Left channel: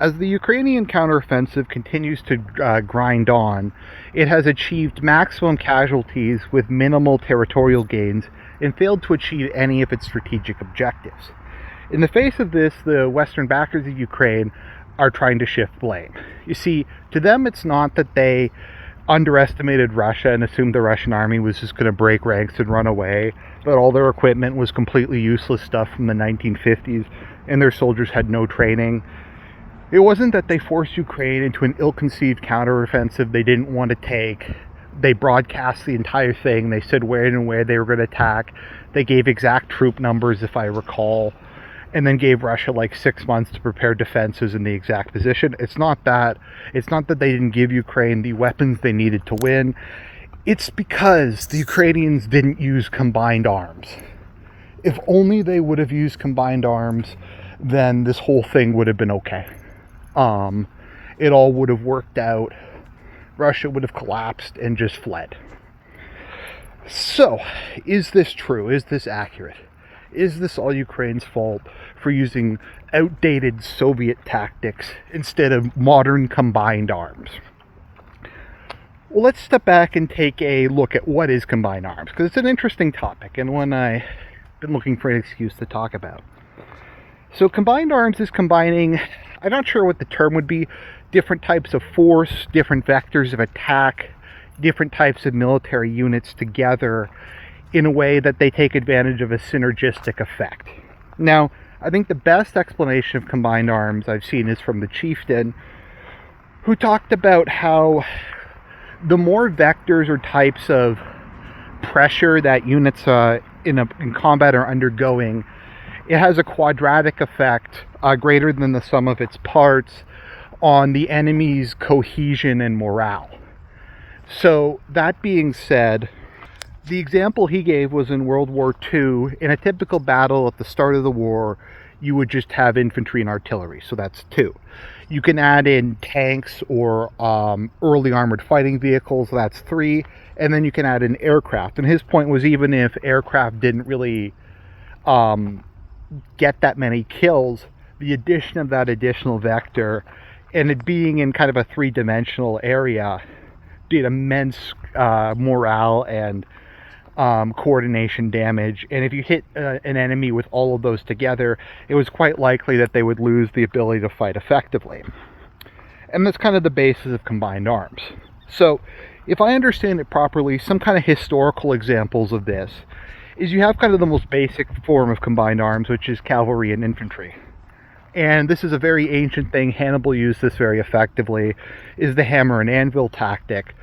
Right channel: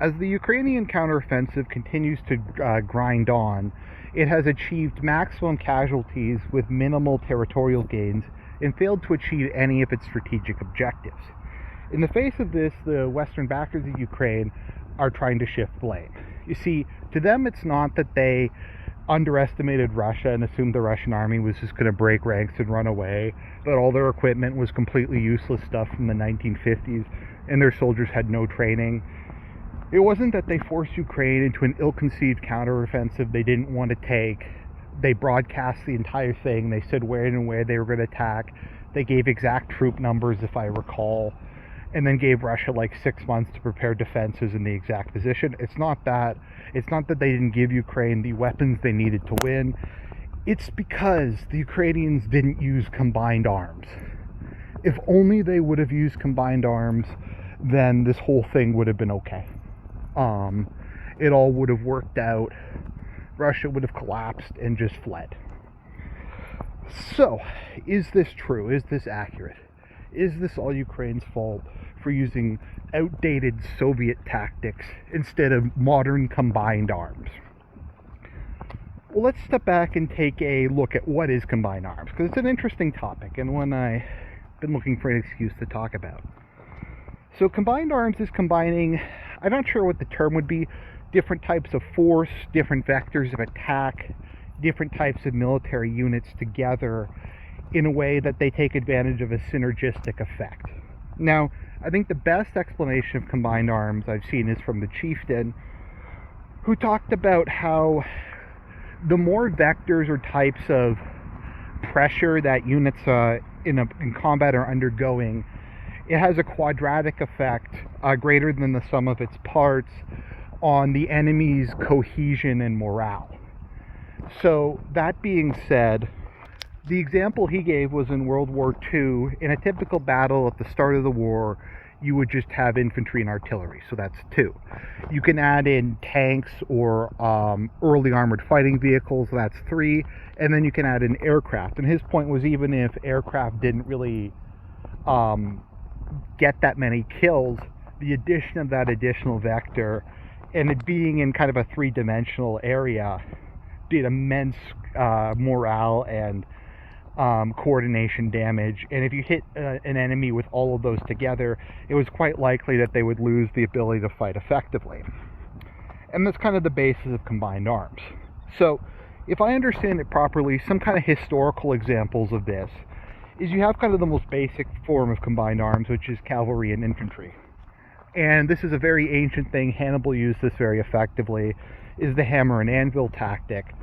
As the Ukrainian counteroffensive continues to grind on, it has achieved maximum casualties with minimal territorial gains and failed to achieve any of its strategic objectives. In the face of this, the Western backers of Ukraine are trying to shift blame. You see, to them it's not that they underestimated Russia and assumed the Russian army was just going to break ranks and run away, that all their equipment was completely useless stuff from the 1950s and their soldiers had no training. It wasn't that they forced Ukraine into an ill-conceived counteroffensive they didn't want to take. They broadcast the entire thing. They said where and where they were going to attack. They gave exact troop numbers, if I recall, and then gave Russia like 6 months to prepare defenses in the exact position. It's not that they didn't give Ukraine the weapons they needed to win. It's because the Ukrainians didn't use combined arms. If only they would have used combined arms, then this whole thing would have been okay. It all would have worked out. Russia would have collapsed and just fled. So, is this true? Is this accurate? Is this all Ukraine's fault for using outdated Soviet tactics instead of modern combined arms? Well, let's step back and take a look at what is combined arms, because it's an interesting topic and one I've been looking for an excuse to talk about. So combined arms is combining, I'm not sure what the term would be, different types of force, different vectors of attack, different types of military units together in a way that they take advantage of a synergistic effect. Now, I think the best explanation of combined arms I've seen is from the chieftain, who talked about how the more vectors or types of pressure that units in combat are undergoing, it has a quadratic effect greater than the sum of its parts on the enemy's cohesion and morale. So that being said, the example he gave was in World War II. In a typical battle at the start of the war, you would just have infantry and artillery, so that's 2. You can add in tanks or early armored fighting vehicles, that's 3, and then you can add in aircraft. And his point was, even if aircraft didn't really get that many kills, the addition of that additional vector and it being in kind of a 3-dimensional area did immense morale and coordination damage. And if you hit an enemy with all of those together, it was quite likely that they would lose the ability to fight effectively. And that's kind of the basis of combined arms. So if I understand it properly, some kind of historical examples of this is you have kind of the most basic form of combined arms, which is cavalry and infantry. And this is a very ancient thing. Hannibal used this very effectively, is the hammer and anvil tactic,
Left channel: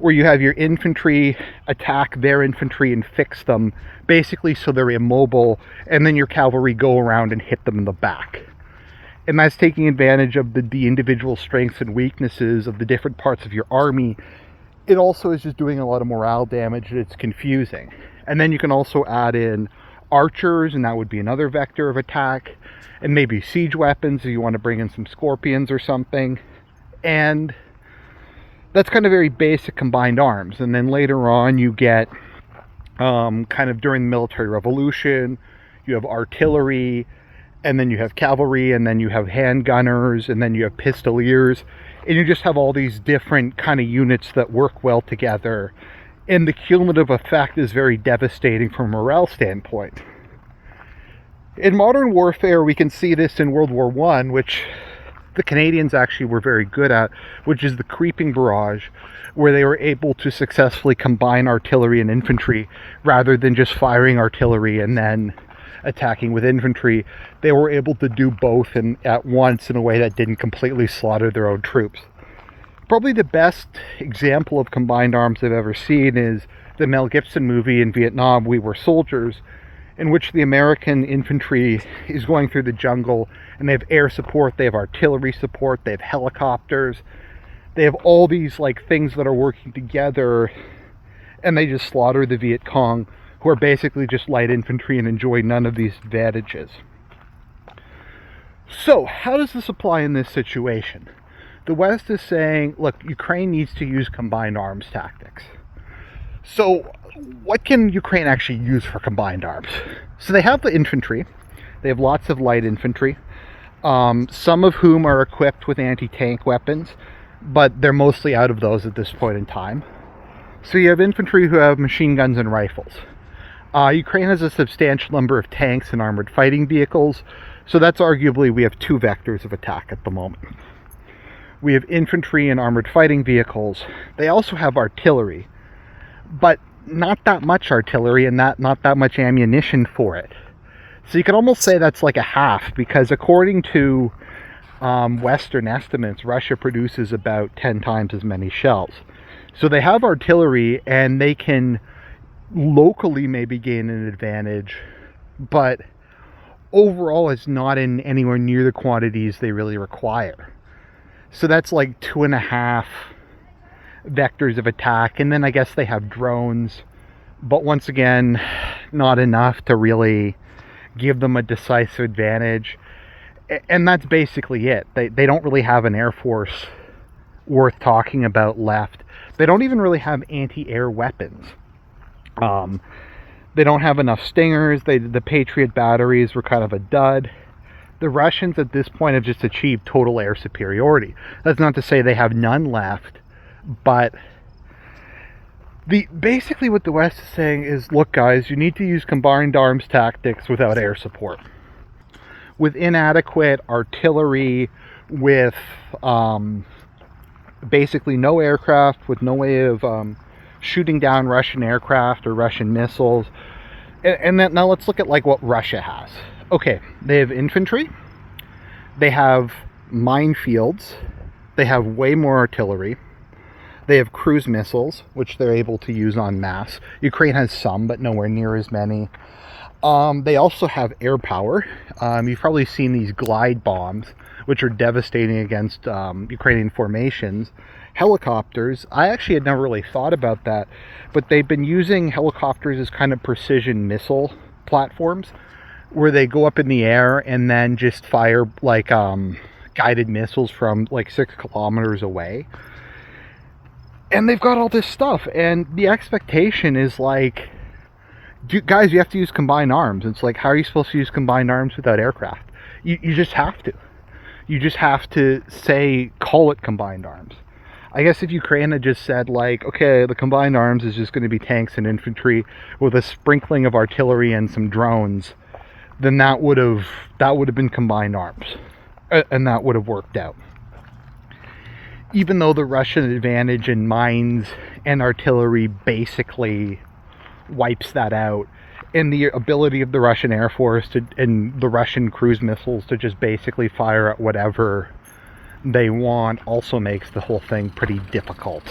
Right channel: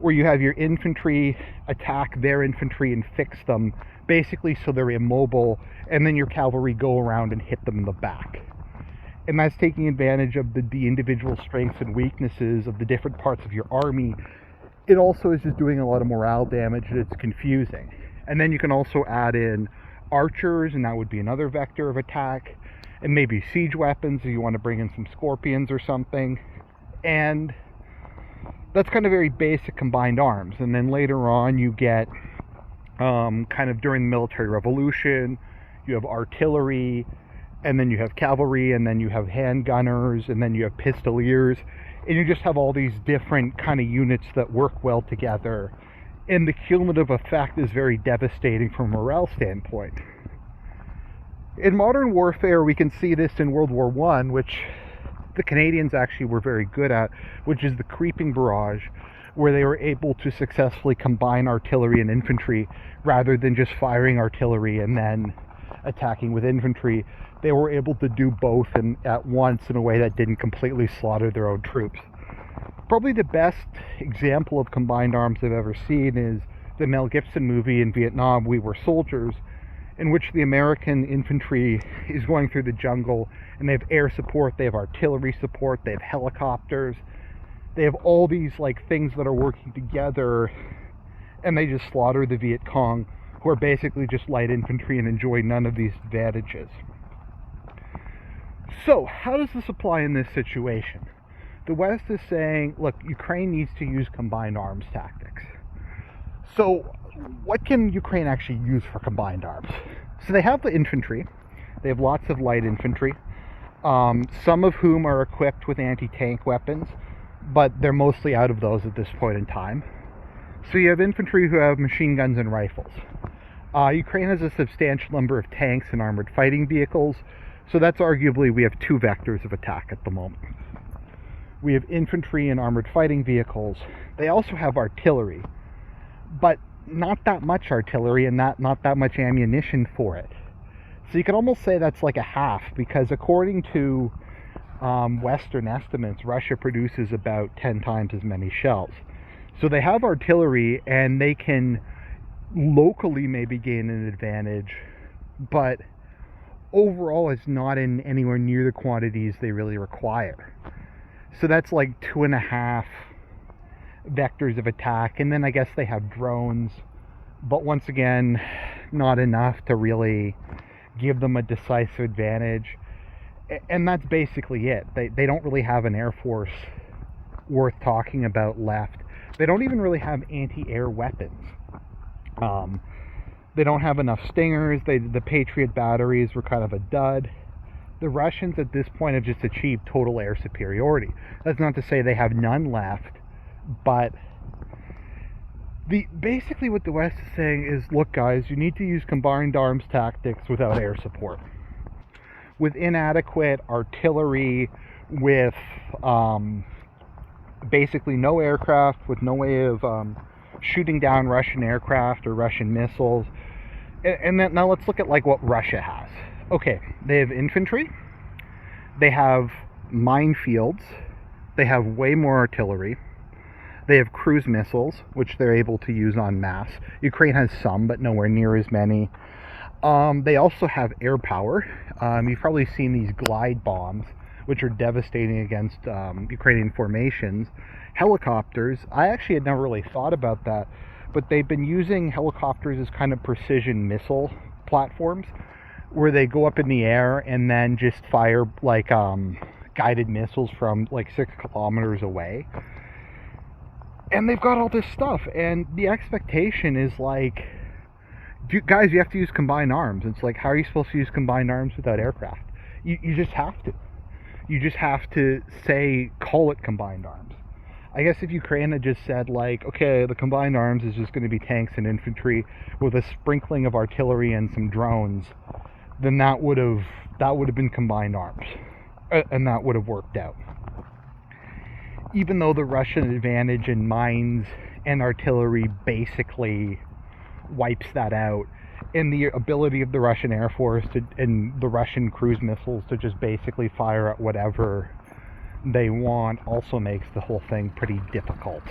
where you have your infantry attack their infantry and fix them, basically so they're immobile, and then your cavalry go around and hit them in the back. And that's taking advantage of the individual strengths and weaknesses of the different parts of your army. It also is just doing a lot of morale damage, and it's confusing. And then you can also add in archers, and that would be another vector of attack, and maybe siege weapons if you want to bring in some scorpions or something. And that's kind of very basic combined arms. And then later on you get kind of during the military revolution, you have artillery, and then you have cavalry, and then you have handgunners, and then you have pistoliers, and you just have all these different kind of units that work well together. And the cumulative effect is very devastating from a morale standpoint. In modern warfare, we can see this in World War I, which the Canadians actually were very good at, which is the creeping barrage, where they were able to successfully combine artillery and infantry rather than just firing artillery and then attacking with infantry. They were able to do both at once in a way that didn't completely slaughter their own troops. Probably the best example of combined arms I've ever seen is the Mel Gibson movie in Vietnam, We Were Soldiers, in which the American infantry is going through the jungle, and they have air support, they have artillery support, they have helicopters, they have all these like things that are working together, and they just slaughter the Viet Cong, who are basically just light infantry and enjoy none of these advantages. So how does this apply in this situation? The West is saying, look, Ukraine needs to use combined arms tactics. So what can Ukraine actually use for combined arms? So they have the infantry. They have lots of light infantry. some of whom are equipped with anti-tank weapons, but they're mostly out of those at this point in time. So you have infantry who have machine guns and rifles. Ukraine has a substantial number of tanks and armored fighting vehicles, so that's arguably we have two vectors of attack at the moment. We have infantry and armored fighting vehicles. They also have artillery, but not that much artillery and not that much ammunition for it. So you can almost say that's like a half, because according to Western estimates, Russia produces about 10 times as many shells. So they have artillery and they can locally maybe gain an advantage, but overall it's not in anywhere near the quantities they really require. So that's like 2.5 vectors of attack, and then I guess they have drones, but once again not enough to really give them a decisive advantage. And that's basically it. They don't really have an air force worth talking about left. They don't even really have anti-air weapons. They don't have enough Stingers. The Patriot batteries were kind of a dud. The Russians at this point have just achieved total air superiority. That's not to say they have none left, but basically what the West is saying is, look guys, you need to use combined arms tactics without air support. With inadequate artillery, with basically no aircraft, with no way of shooting down Russian aircraft or Russian missiles. And then now let's look at like what Russia has. Okay, they have infantry, they have minefields, they have way more artillery, they have cruise missiles, which they're able to use en masse. Ukraine has some, but nowhere near as many. They also have air power. You've probably seen these glide bombs, which are devastating against Ukrainian formations. Helicopters, I actually had never really thought about that, but they've been using helicopters as kind of precision missile platforms, where they go up in the air and then just fire like guided missiles from like 6 kilometers away. And they've got all this stuff, and the expectation is like, guys, you have to use combined arms. It's like, how are you supposed to use combined arms without aircraft? You just have to. You just have to call it combined arms. I guess if Ukraine had just said like, okay, the combined arms is just going to be tanks and infantry with a sprinkling of artillery and some drones, then that would have been combined arms, and that would have worked out. Even though the Russian advantage in mines and artillery basically wipes that out, and the ability of the Russian Air Force and the Russian cruise missiles to just basically fire at whatever they want also makes the whole thing pretty difficult,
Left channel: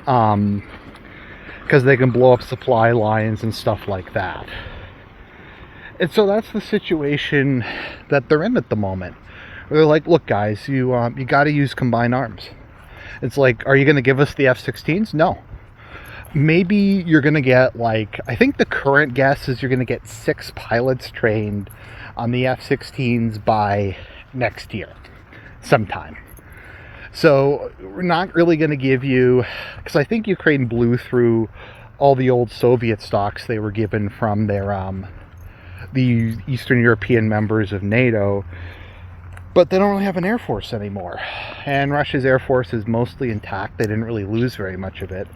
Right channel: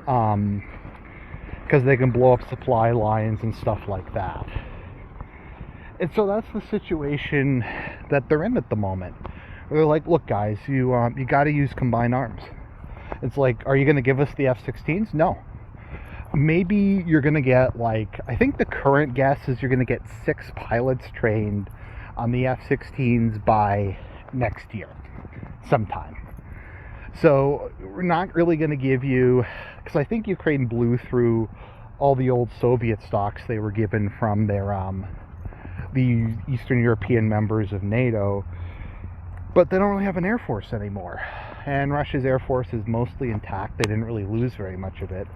because they can blow up supply lines and stuff like that. And so that's the situation that they're in at the moment. They're like, look guys, you got to use combined arms. It's like, are you going to give us the F-16s? No. Maybe you're going to get like, I think the current guess is you're going to get 6 pilots trained on the F-16s by next year sometime. So we're not really going to give you, because I think Ukraine blew through all the old Soviet stocks they were given from their the Eastern European members of NATO, but they don't really have an air force anymore, and Russia's air force is mostly intact. They didn't really lose very much of it.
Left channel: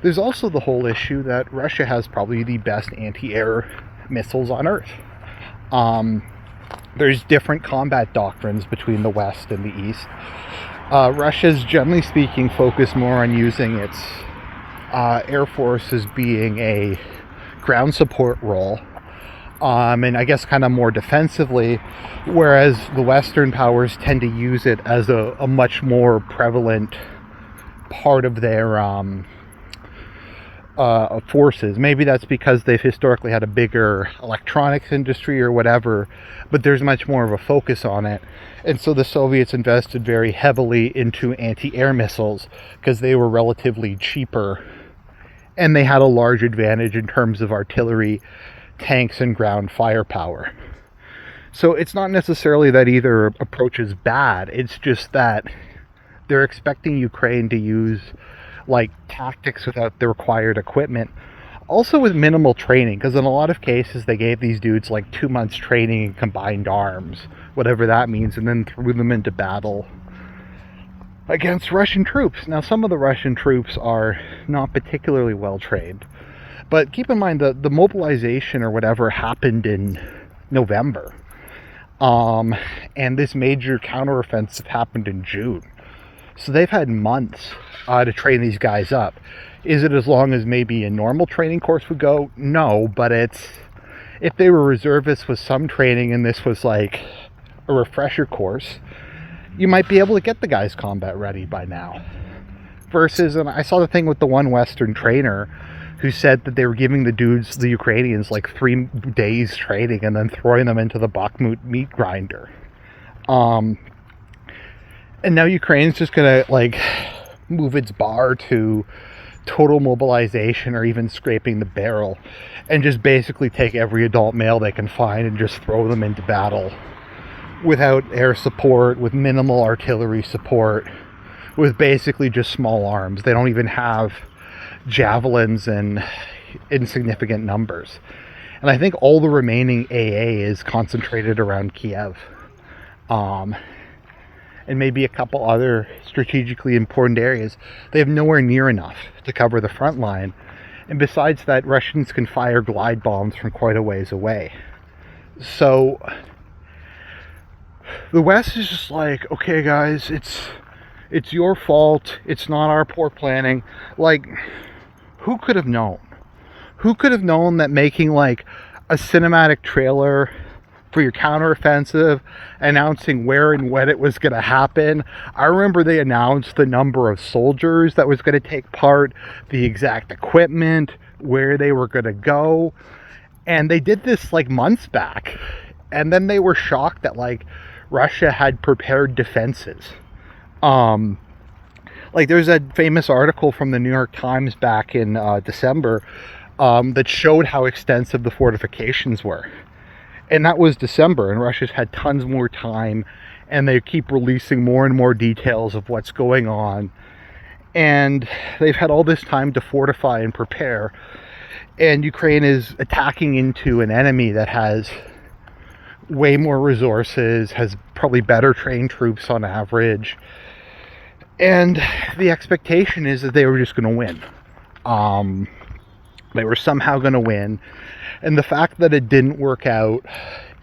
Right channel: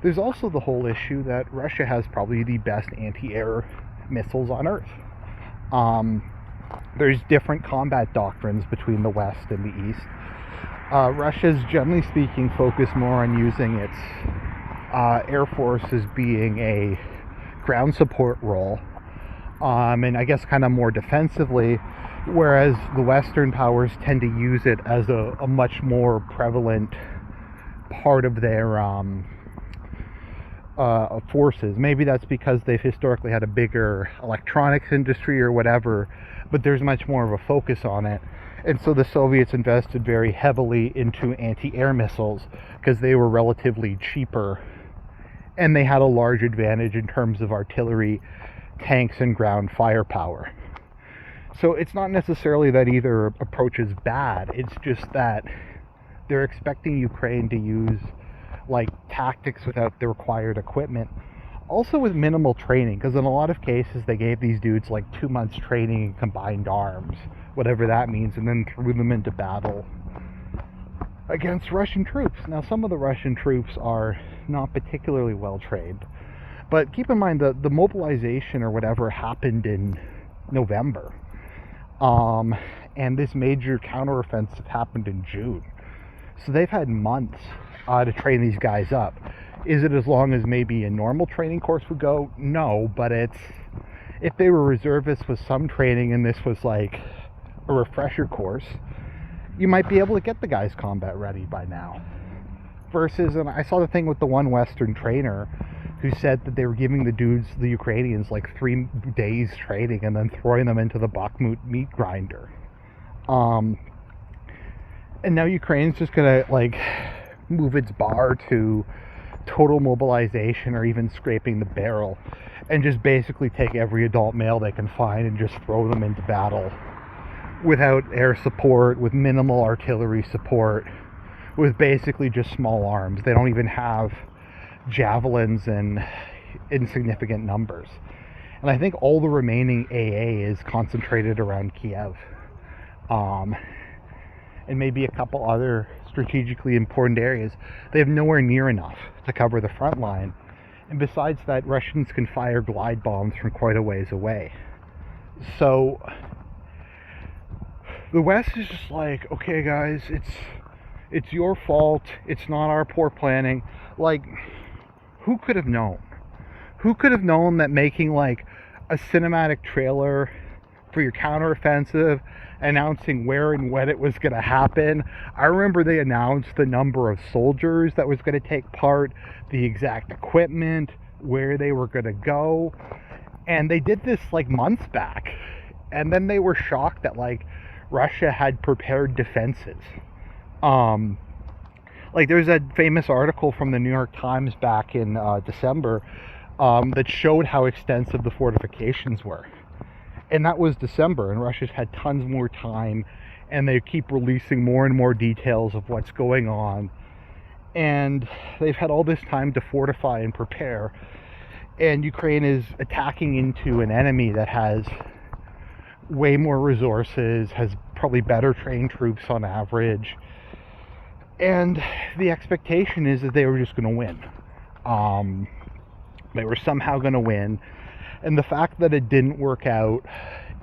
There's also the whole issue that Russia has probably the best anti-air missiles on Earth. There's different combat doctrines between the West and the East. Russia's, generally speaking, focused more on using its air force as being a ground support role, and I guess kind of more defensively, whereas the Western powers tend to use it as a much more prevalent part of their forces. Maybe that's because they've historically had a bigger electronics industry or whatever, but there's much more of a focus on it. And so the Soviets invested very heavily into anti-air missiles because they were relatively cheaper, and they had a large advantage in terms of artillery, tanks, and ground firepower. So it's not necessarily that either approach is bad, it's just that they're expecting Ukraine to use like tactics without the required equipment. Also with minimal training, because in a lot of cases they gave these dudes like 2 months training in combined arms, whatever that means, and then threw them into battle against Russian troops. Now, some of the Russian troops are not particularly well trained, but keep in mind the mobilization or whatever happened in November, and this major counteroffensive happened in June. So they've had months to train these guys up. Is it as long as maybe a normal training course would go? No, but if they were reservists with some training and this was like a refresher course, you might be able to get the guys combat ready by now. Versus, and I saw the thing with the one Western trainer who said that they were giving the dudes, the Ukrainians, like 3 days training and then throwing them into the Bakhmut meat grinder. And now Ukraine's just gonna like move its bar to total mobilization or even scraping the barrel and just basically take every adult male they can find and just throw them into battle without air support, with minimal artillery support, with basically just small arms. They don't even have javelins in insignificant numbers. And I think all the remaining AA is concentrated around Kiev. And maybe a couple other strategically important areas. They have nowhere near enough to cover the front line. And besides that, Russians can fire glide bombs from quite a ways away. So the West is just like, okay guys, it's your fault, it's not our poor planning. Like, who could have known? Who could have known that making like a cinematic trailer for your counteroffensive announcing where and when it was going to happen? I remember they announced the number of soldiers that was going to take part, the exact equipment, where they were going to go, and they did this like months back, and then they were shocked that like Russia had prepared defenses. Like there's a famous article from the New York Times back in December that showed how extensive the fortifications were. And that was December, and Russia's had tons more time, and they keep releasing more and more details of what's going on. And they've had all this time to fortify and prepare. And Ukraine is attacking into an enemy that has way more resources, has probably better trained troops on average. And the expectation is that they were just going to win. They were somehow going to win. And the fact that it didn't work out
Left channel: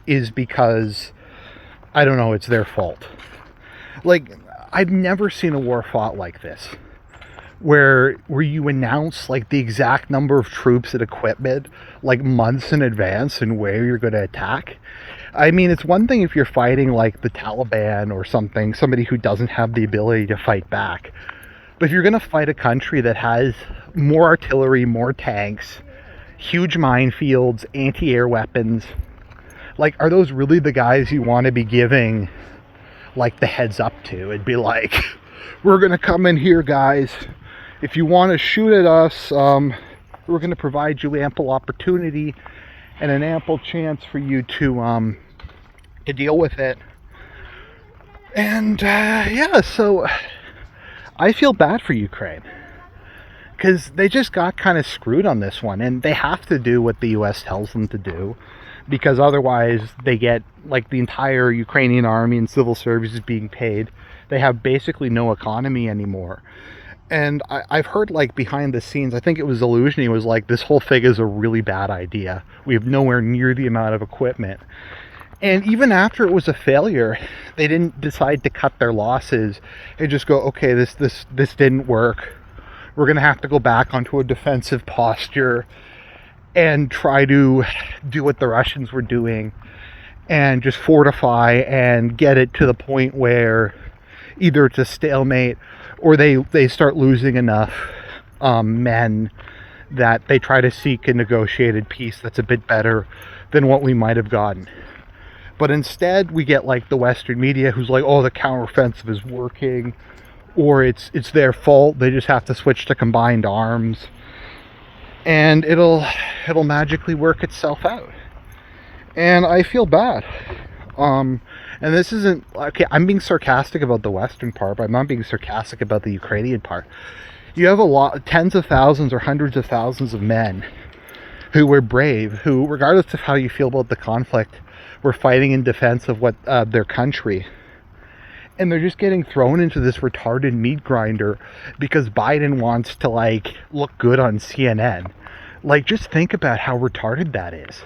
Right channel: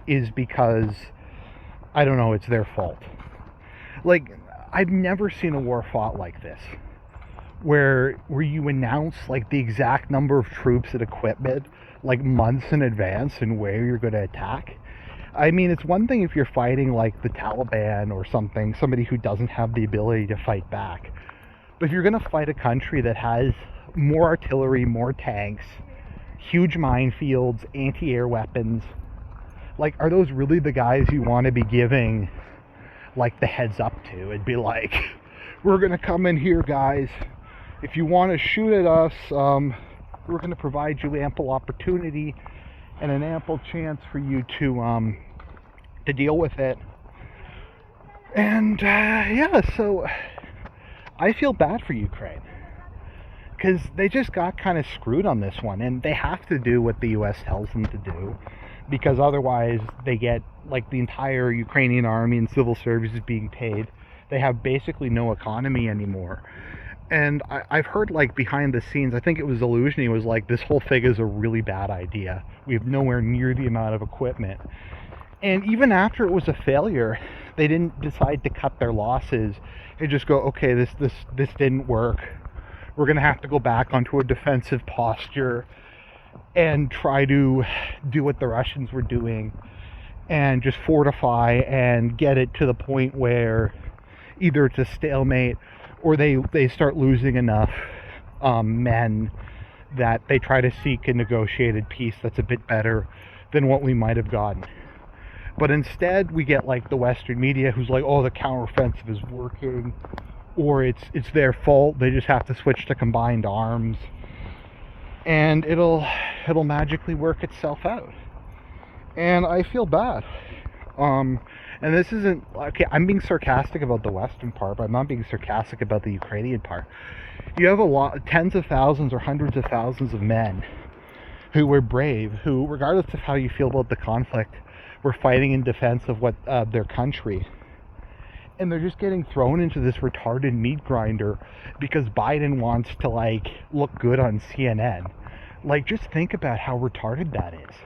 is because, I don't know, it's their fault. Like, I've never seen a war fought like this, where you announce like the exact number of troops and equipment like months in advance and where you're going to attack. I mean, it's one thing if you're fighting like the Taliban or something, somebody who doesn't have the ability to fight back. But if you're going to fight a country that has more artillery, more tanks, huge minefields, anti-air weapons, like, are those really the guys you want to be giving like the heads up to? It'd be like, we're going to come in here, guys. If you want to shoot at us, we're going to provide you ample opportunity and an ample chance for you to deal with it. And yeah, so I feel bad for Ukraine, because they just got kind of screwed on this one, and they have to do what the US tells them to do, because otherwise they get like the entire Ukrainian army and civil services being paid. They have basically no economy anymore. And I've heard like behind the scenes, I think it was Illusiony was like, this whole thing is a really bad idea. We have nowhere near the amount of equipment. And even after it was a failure, they didn't decide to cut their losses and just go, okay, this didn't work. We're going to have to go back onto a defensive posture and try to do what the Russians were doing and just fortify and get it to the point where either it's a stalemate or they start losing enough men that they try to seek a negotiated peace that's a bit better than what we might have gotten. But instead, we get like the Western media who's like, oh, the counteroffensive is working, or it's their fault, they just have to switch to combined arms, and it'll magically work itself out. And I feel bad. And this isn't, okay, I'm being sarcastic about the Western part, but I'm not being sarcastic about the Ukrainian part. You have tens of thousands or hundreds of thousands of men who were brave, who, regardless of how you feel about the conflict, were fighting in defense of what their country. And they're just getting thrown into this retarded meat grinder because Biden wants to, like, look good on CNN. Like, just think about how retarded that is.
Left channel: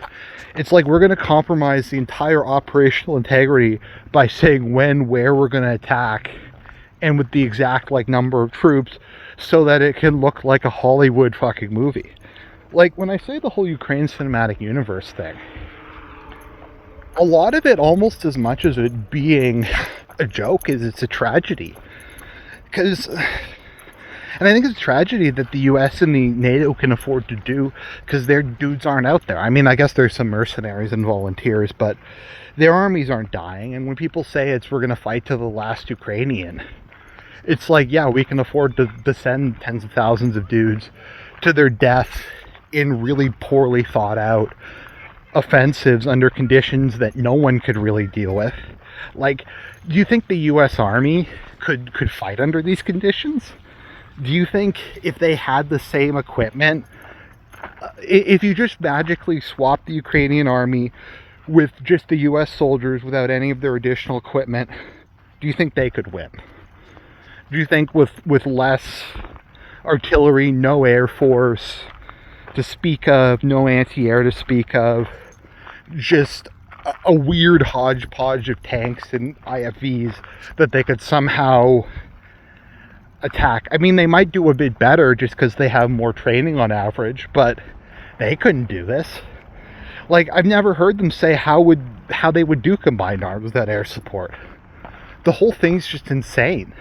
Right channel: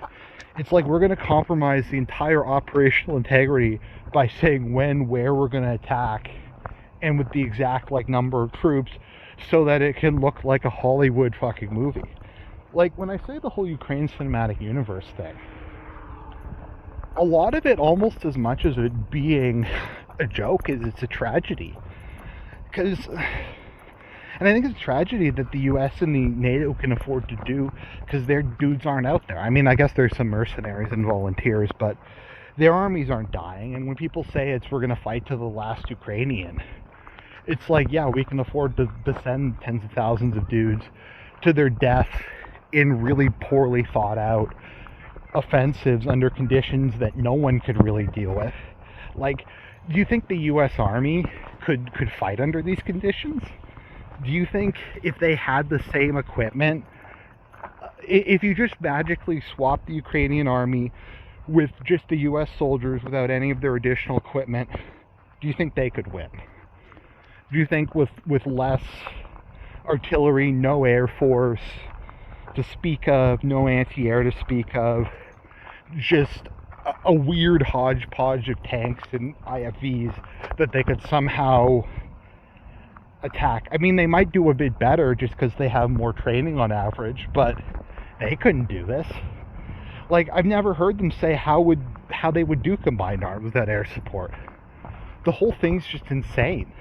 It's like we're going to compromise the entire operational integrity by saying when, where we're going to attack, and with the exact, like, number of troops, so that it can look like a Hollywood fucking movie. Like, when I say the whole Ukraine cinematic universe thing, a lot of it, almost as much as it being a joke, is it's a tragedy. Because, and I think it's a tragedy that the US and the NATO can afford to do, because their dudes aren't out there. I mean, I guess there's some mercenaries and volunteers, but their armies aren't dying. And when people say we're going to fight to the last Ukrainian, it's like, yeah, we can afford to send tens of thousands of dudes to their death in really poorly thought out offensives under conditions that no one could really deal with. Like, do you think the US Army could fight under these conditions? Do you think if they had the same equipment, if you just magically swap the Ukrainian army with just the US soldiers without any of their additional equipment, do you think they could win? Do you think with less artillery, no Air Force to speak of, no anti-air to speak of, just a weird hodgepodge of tanks and IFVs that they could somehow attack? I mean, they might do a bit better just because they have more training on average, but they couldn't do this. Like, I've never heard them say how they would do combined arms without air support. The whole thing's just insane.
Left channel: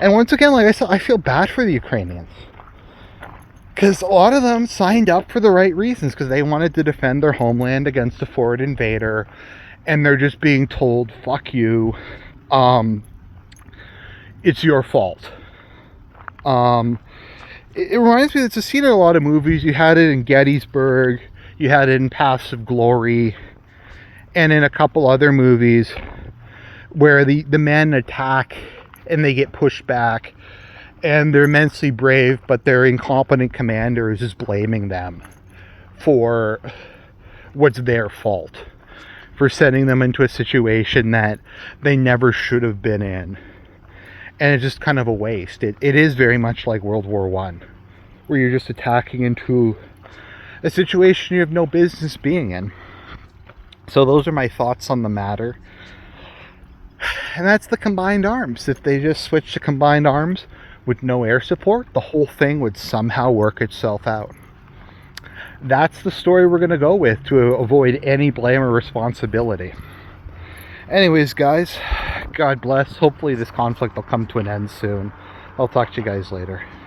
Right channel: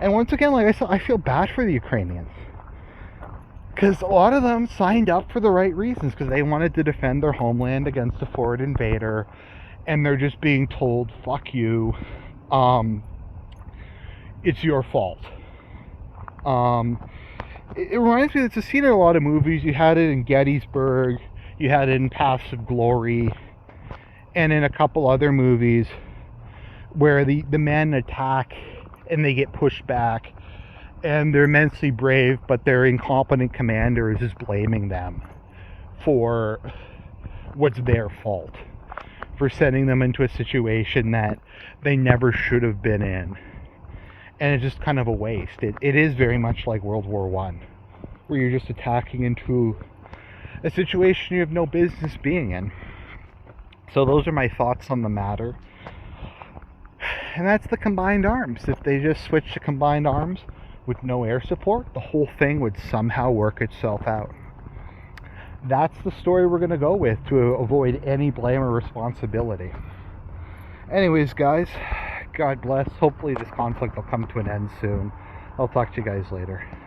And once again, like I said, I feel bad for the Ukrainians, because a lot of them signed up for the right reasons, because they wanted to defend their homeland against a foreign invader, and they're just being told, fuck you, it's your fault. It reminds me, it's a scene in a lot of movies. You had it in Gettysburg, you had it in Paths of Glory, and in a couple other movies where the men attack and they get pushed back, and they're immensely brave, but their incompetent commander is just blaming them for what's their fault, for sending them into a situation that they never should have been in. And it's just kind of a waste. It is very much like World War I, where you're just attacking into a situation you have no business being in. So those are my thoughts on the matter. And that's the combined arms. If they just switch to combined arms with no air support, the whole thing would somehow work itself out. That's the story we're going to go with to avoid any blame or responsibility. Anyways, guys, God bless. Hopefully this conflict will come to an end soon. I'll talk to you guys later.